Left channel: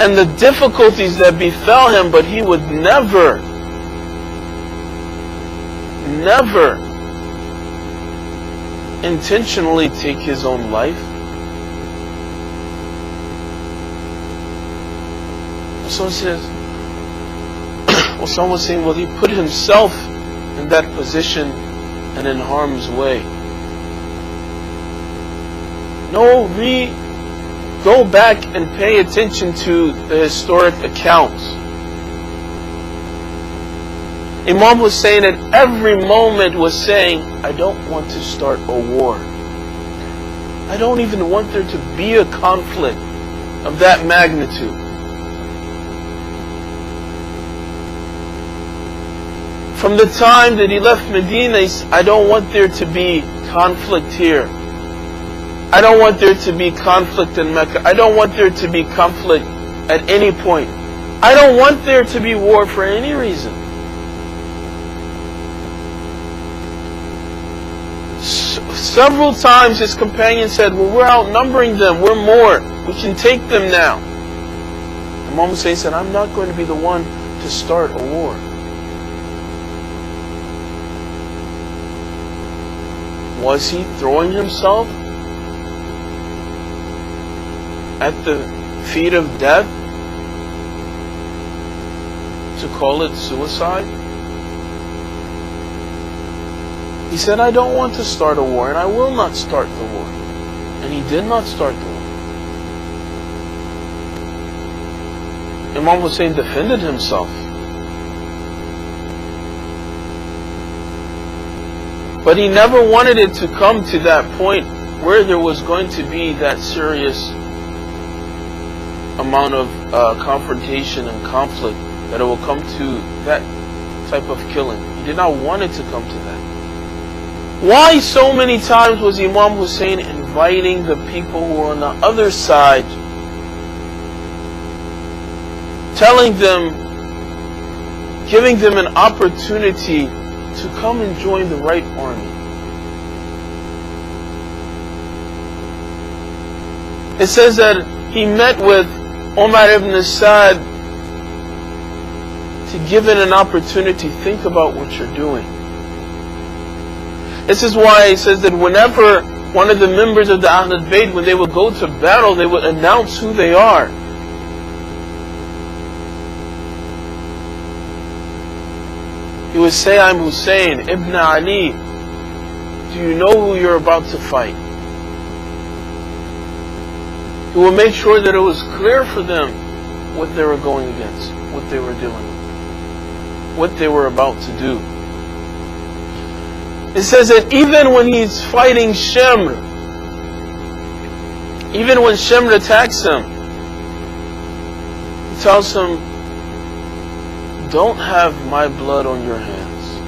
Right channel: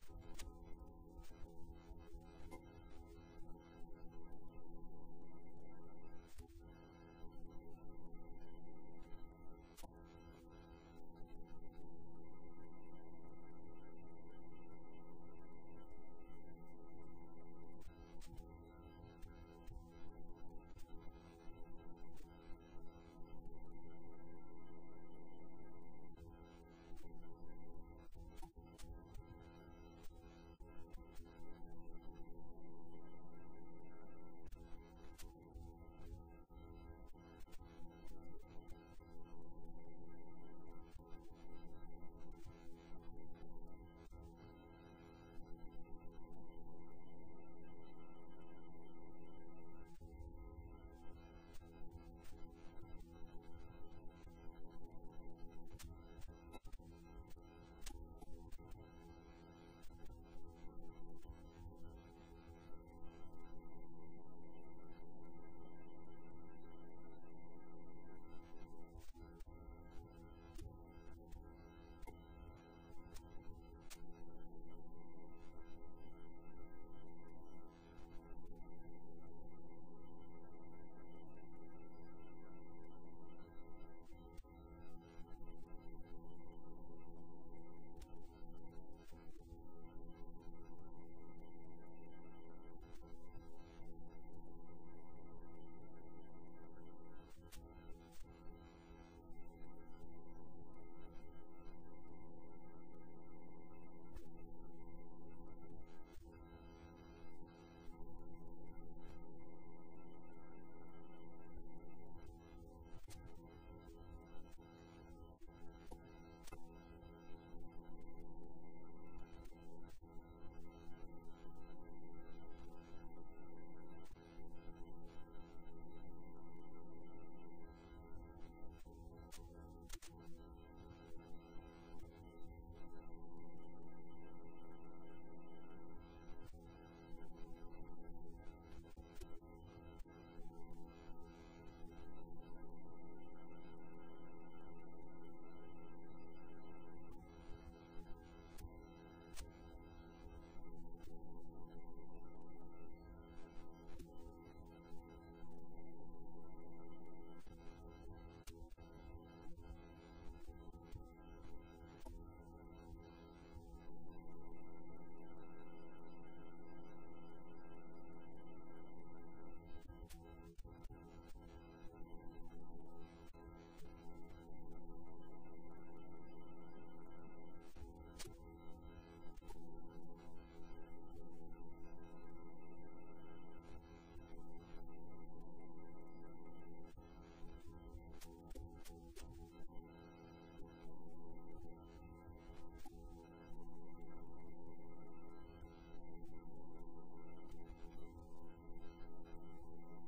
and the difficulties that befell him, but he would never intentionally take his own life. So says, someone was saying, well, he put himself in that position and in harm's way. No, go back and pay attention to the historic accounts. Imam Hussein at every moment was saying, I don't want to start a war. I don't even want there to be a conflict of that magnitude. From the time that he left Medina, he said, I don't want there to be conflict here. I don't want there to be conflict in Mecca. I don't want there to be conflict at any point. I don't want there to be war for any reason. Several times his companion said, well, we're outnumbering them, we're more, we can take them now. Imam Hussein said, I'm not going to be the one to start a war. Was he throwing himself at the feet of death to call it suicide? He said, I don't want to start a war, and I will not start the war. And he did not start the war. Imam Hussein defended himself. But he never wanted it to come to that point where there was going to be that serious amount of confrontation and conflict, that it will come to that type of killing. He did not want it to come to that. Why so many times was Imam Hussein inviting the people who were on the other side, telling them, giving them an opportunity to come and join the right army? It says that he met with Umar ibn Sa'd to give it an opportunity. Think about what you're doing. This is why it says that whenever one of the members of the Ahlul Bayt, when they would go to battle, they would announce who they are. He would say, I'm Hussein ibn Ali. Do you know who you're about to fight? He would make sure that it was clear for them what they were going against, what they were doing, what they were about to do. It says that even when he's fighting Shimr, even when Shimr attacks him, he tells him, don't have my blood on your hands.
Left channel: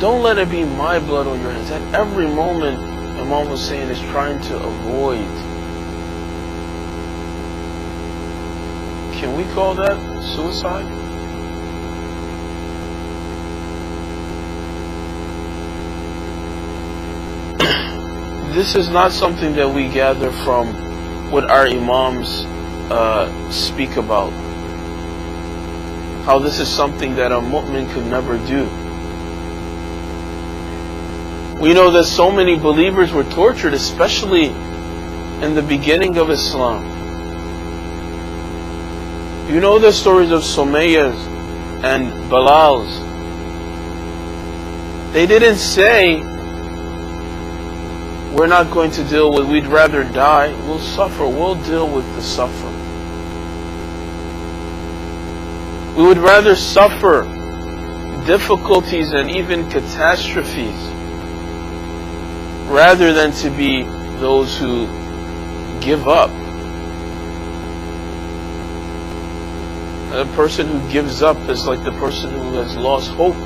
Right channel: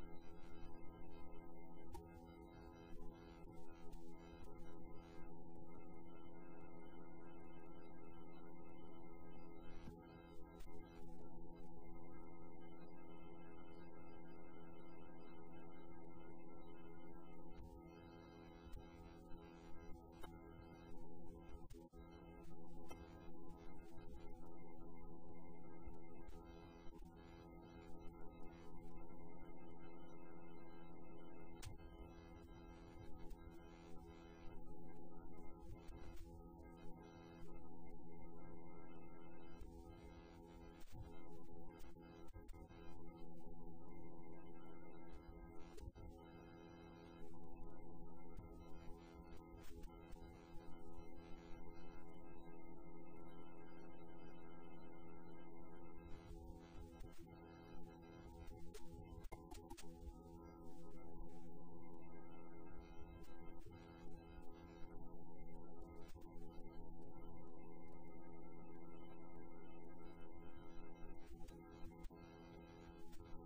Don't let it be my blood on your hands. At every moment, Imam Hussein is trying to avoid. Can we call that suicide? This is not something that we gather from what our Imams speak about. How this is something that a mu'min could never do. We know that so many believers were tortured, especially in the beginning of Islam. You know the stories of Sumayyas and Bilals. They didn't say, we're not going to deal with, we'd rather die, we'll suffer, we'll deal with the suffering. We would rather suffer difficulties and even catastrophes rather than to be those who give up. A person who gives up is like the person who has lost hope.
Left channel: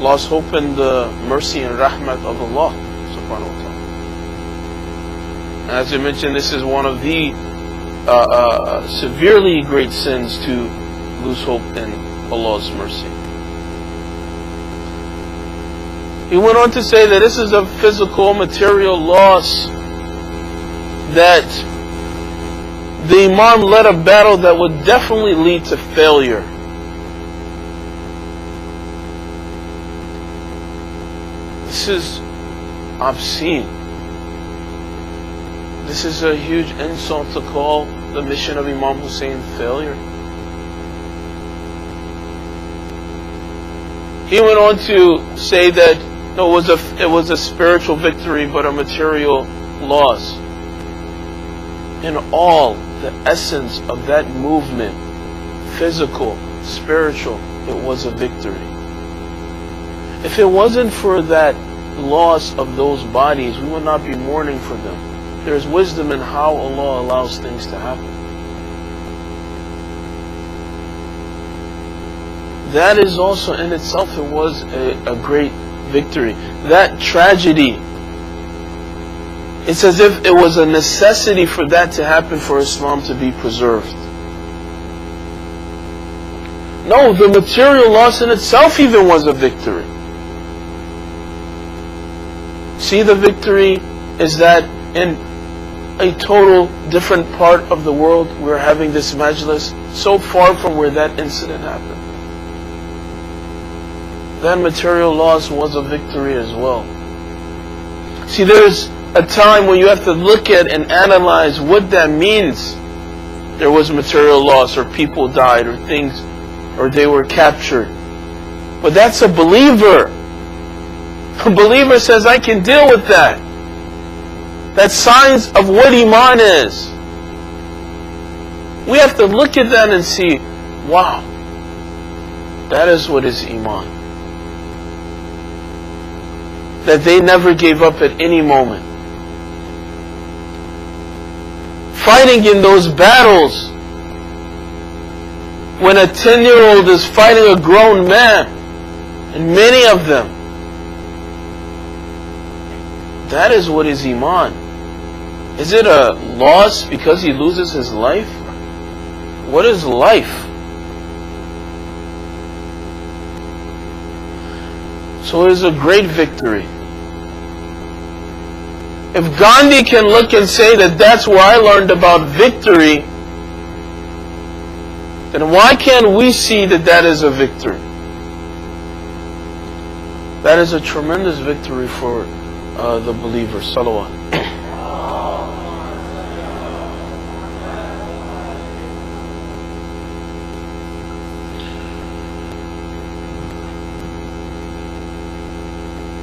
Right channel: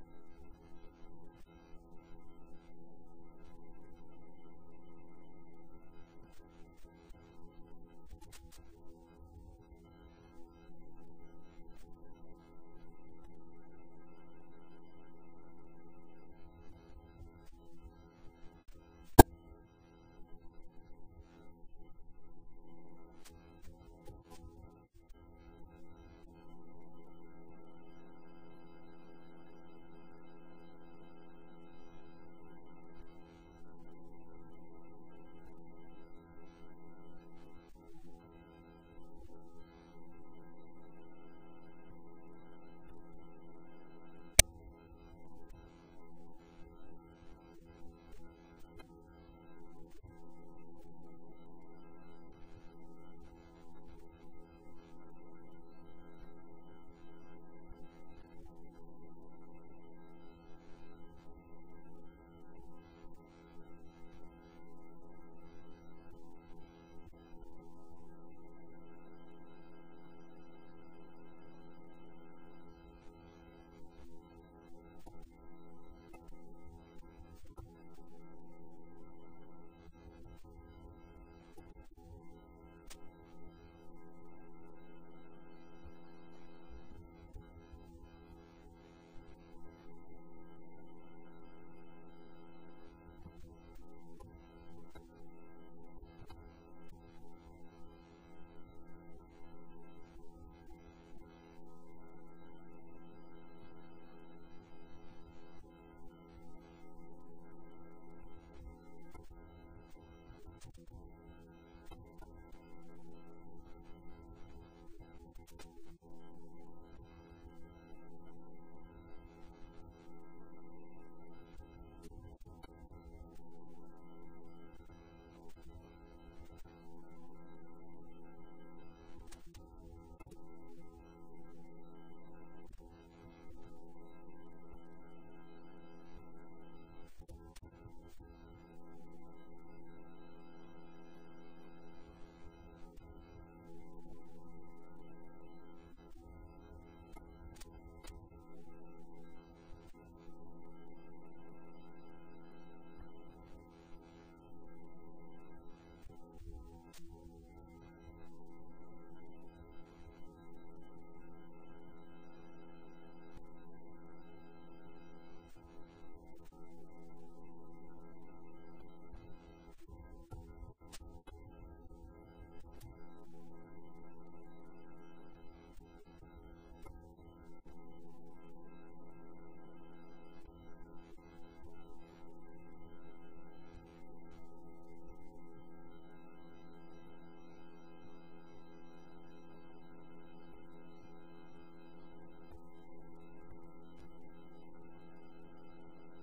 Lost hope in the mercy and rahmat of Allah subhanahu wa ta'ala. And as I mentioned, this is one of the severely great sins, to lose hope in Allah's mercy. He went on to say that this is a physical, material loss that the Imam led a battle that would definitely lead to failure. This is obscene. This is a huge insult to call the mission of Imam Hussein failure. He went on to say that no, it was a spiritual victory, but a material loss. In all, the essence of that movement, physical, spiritual, it was a victory. If it wasn't for that loss of those bodies, we would not be mourning for them. There's wisdom in how Allah allows things to happen. That is also in itself, it was a great victory. That tragedy, it's as if it was a necessity for that to happen for Islam to be preserved. No, the material loss in itself even was a victory. See, the victory is that in a total different part of the world we're having this majlis, so far from where that incident happened. That material loss was a victory as well. See, there's a time when you have to look at and analyze what that means. There was material loss, or people died, or things, or they were captured. But that's a believer. A believer says, I can deal with that. That's signs of what Iman is. We have to look at that and see, wow, that is what is Iman. That they never gave up at any moment. Fighting in those battles, when a 10-year-old is fighting a grown man, and many of them, that is what is Iman. Is it a loss because he loses his life? What is life? So it is a great victory. If Gandhi can look and say that that's where I learned about victory, then why can't we see that that is a victory? That is a tremendous victory for the believer. Salawat.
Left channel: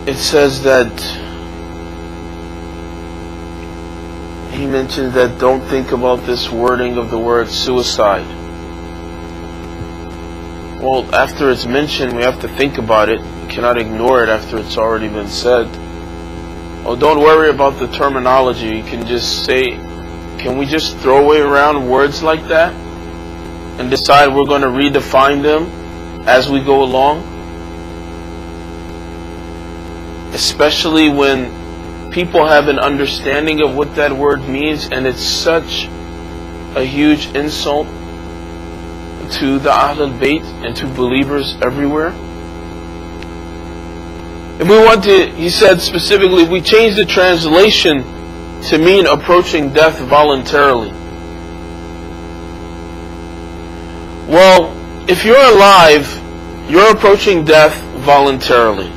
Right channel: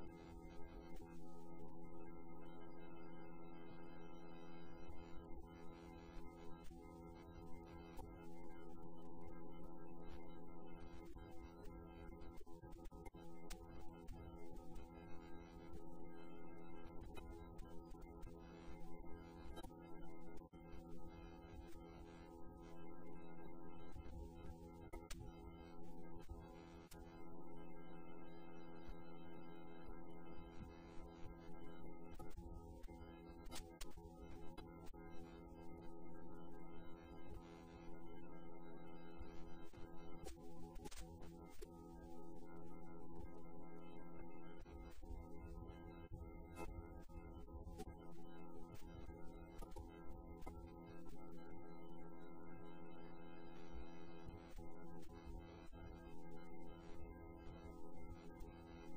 It says that he mentioned that don't think about this wording of the word suicide. Well, after it's mentioned, we have to think about it. We cannot ignore it after it's already been said. Oh, don't worry about the terminology. You can just say, can we just throw away around words like that and decide we're going to redefine them as we go along? Especially when people have an understanding of what that word means, and it's such a huge insult to the Ahlul Bayt and to believers everywhere. If we want to, he said specifically, if we change the translation to mean approaching death voluntarily. Well, if you're alive, you're approaching death voluntarily.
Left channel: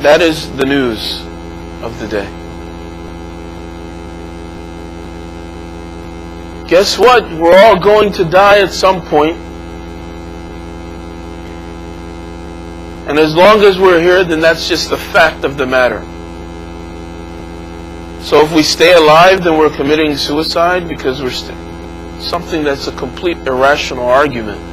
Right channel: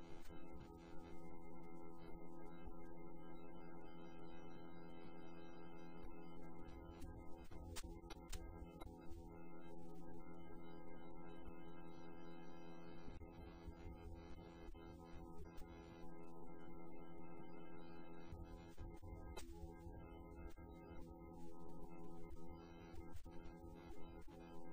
That is the news of the day. Guess what? We're all going to die at some point. And as long as we're here, then that's just the fact of the matter. So if we stay alive, then we're committing suicide because we're something that's a complete irrational argument.